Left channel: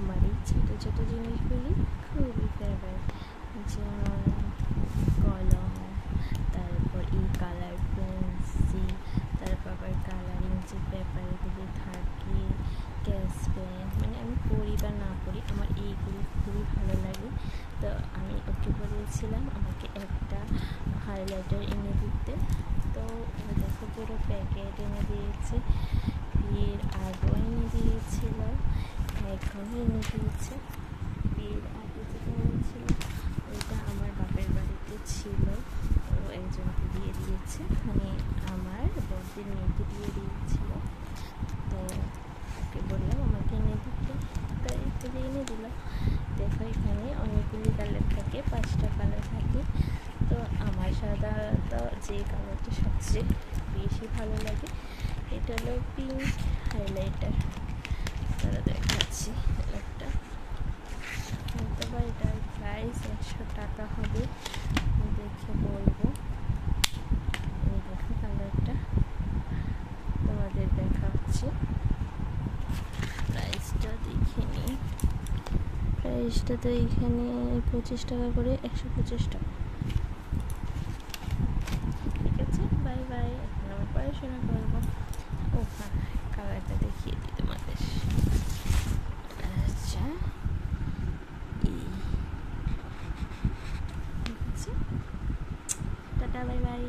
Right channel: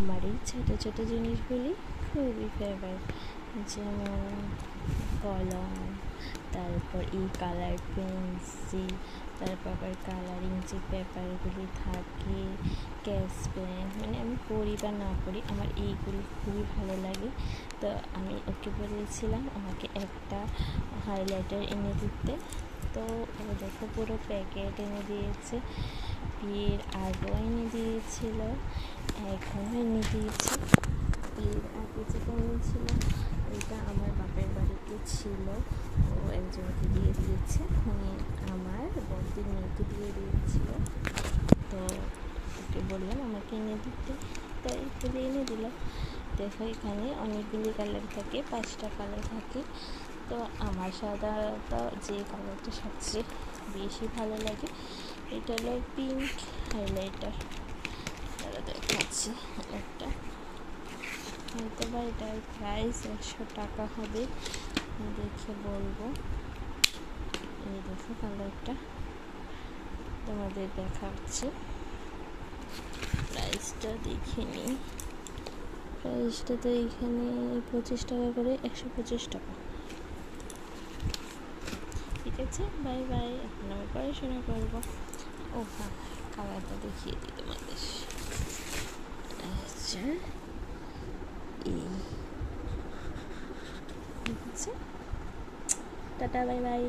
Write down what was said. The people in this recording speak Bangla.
আমার এই ছোটো ছোটো জিনিসগুলি খুবই ফেভারিট, যেমন কলম, তারপর এই কালার পেন্সিল, তারপর আবার কালারিং যে পেপারগুলি থাকে, স্কেচ পেন, মানে আমি পড়ি বা না পড়ি আমার এইগুলি খুবই ভালো লাগে। তো আমি ওকে বলেছিলাম আমাকে একটা হাইলাইটার এনে দিতে, তো ও দেখো পুরো প্যাকেট এনে দিয়েছে, ফির আগেও এনে দিয়েছিল, এখনও এনে দিয়েছে। ফির আগে যেটা এনেছিল ওইটা আমার বাপের বাড়িতে ছিল, ও একজনকে দিয়ে দিয়েছে, মানে আমার বড়দের মেয়েকে দিয়ে দিয়েছিল। তো ওকে বললাম আমাকে এনে দিতে, তাই এগুলি এনে দিল। দেখো এখানে অনেকগুলি কালার থাকে, 5টা কালার থাকে। তো আমার সাধারণত যে কালারটা সবচেয়ে বেশি ভালো লাগে এটা হলো পিঙ্ক হাইলাইটার। তারা দেখাচ্ছি একটা, হয়তো বা এটার প্রাইস 100 টাকা হবে, দেখে বলবো। এই দেখো কালারটা তোমাদের দেখাচ্ছি, প্রাইসটা দেখে নিই। প্রাইসটা তো এখানে 25 টাকা করে, 125 টাকা। ঠিক আছে, বাই বাই, এখন আমি পড়াশোনা করবো। ও হ্যাঁ, কালারটা দেখিয়ে দিই তোমাদের। আচ্ছা, ঠিক আছে, টাটা, বাই বাই।